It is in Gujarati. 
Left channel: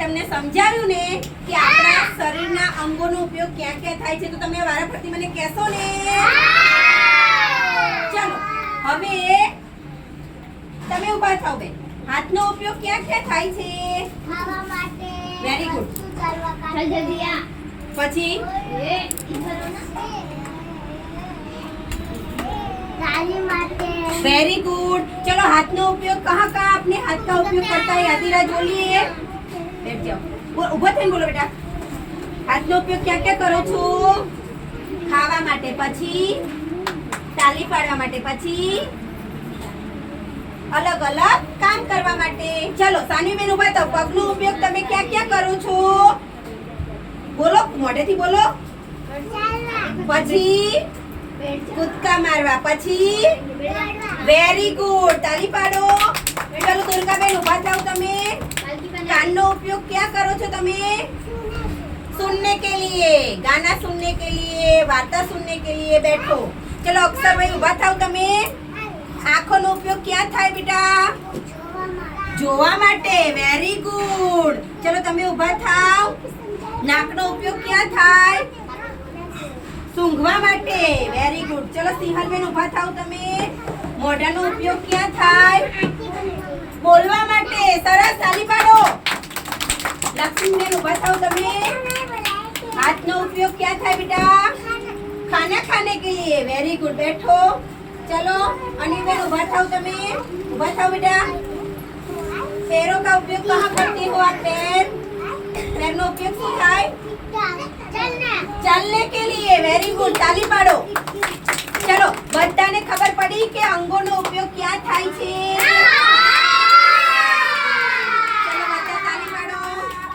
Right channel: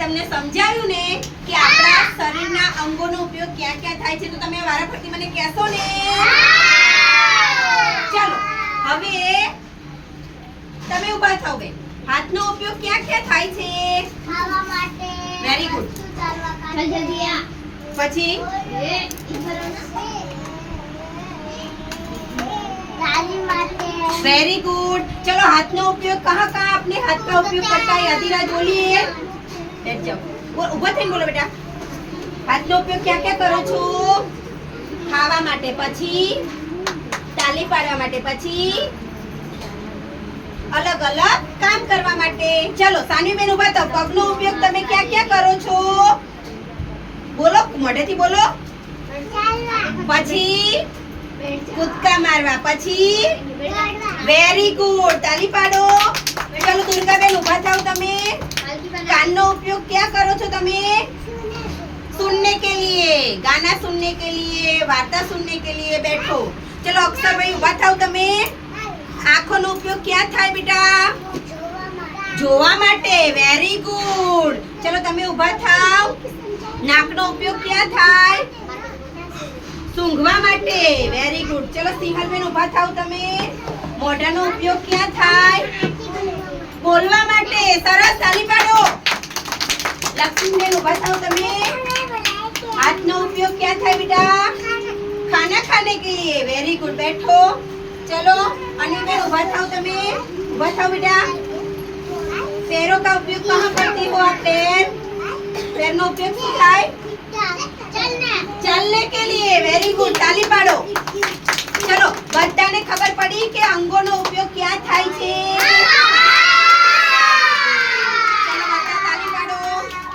તમને સમજાવ્યું ને કે આપણા શરીરના અંગોનો ઉપયોગ ક્યાં ક્યાં થાય છે તો તમે વારાફરતી મને કહેશો ને? ચાલો હવે તમે ઊભા થાઓ બે હાથનો ઉપયોગ ક્યાં ક્યાં થાય છે? ખાવા માટે વેરી ગુડ પછી? વેરી ગુડ ચલો હાથનો ઉપયોગ કહા કહા આપને હાથ का ઉપયોગ કરતા है આદિરાજ બોલો બેટા. હાથનો અલગ અલગ કામ કરવા માટે. ચલો સાનવીબેન ઊભા થાવ પગનો ઉપયોગ તમે ક્યાં ક્યાં કરો છો? બોલો, મોઢેથી બોલો. પછી કૂદકા મારવા પછી વેરી ગુડ તાલી પાડો. બના કાનનો ઉપયોગ ક્યાં કરો છો તમે सुनने के लिए गाना सुनने के लिए वार्ता सुनने के लिए बैठो चलो અક્ષરભાઈ ઊભા થાવ તમે આંખોનો ઉપયોગ ક્યાં થાય બેટા જોવા માટે વેરી ગુડ ચલો તમે ઊભા થાવ નાકનો ઉપયોગ ક્યાં થાય સૂંઘવા માટે વેરી ગુડ ચલો સિંહલબેન ઊભા થાવ તમે મોઢાનો ઉપયોગ ક્યાં થાય લક્ષ્મીબેન ઊભા થાવ તમે હાથનો ઉપયોગ ક્યાં થાય બેટા खाना खाने के लिए वेरी गुड बैठो चलो अनिबेन उभा થાઓ તમે ઉભા થાઓ બેટા पैरों का उपयोग कहाँ करती हो आप पैर पैर નો ઉપયોગ શું થાય चलने के लिए वेरी गुड તાલી પાડો ચલો બધાને ખબર પડી કે અંગોનો ઉપયોગ ક્યાં થાય છે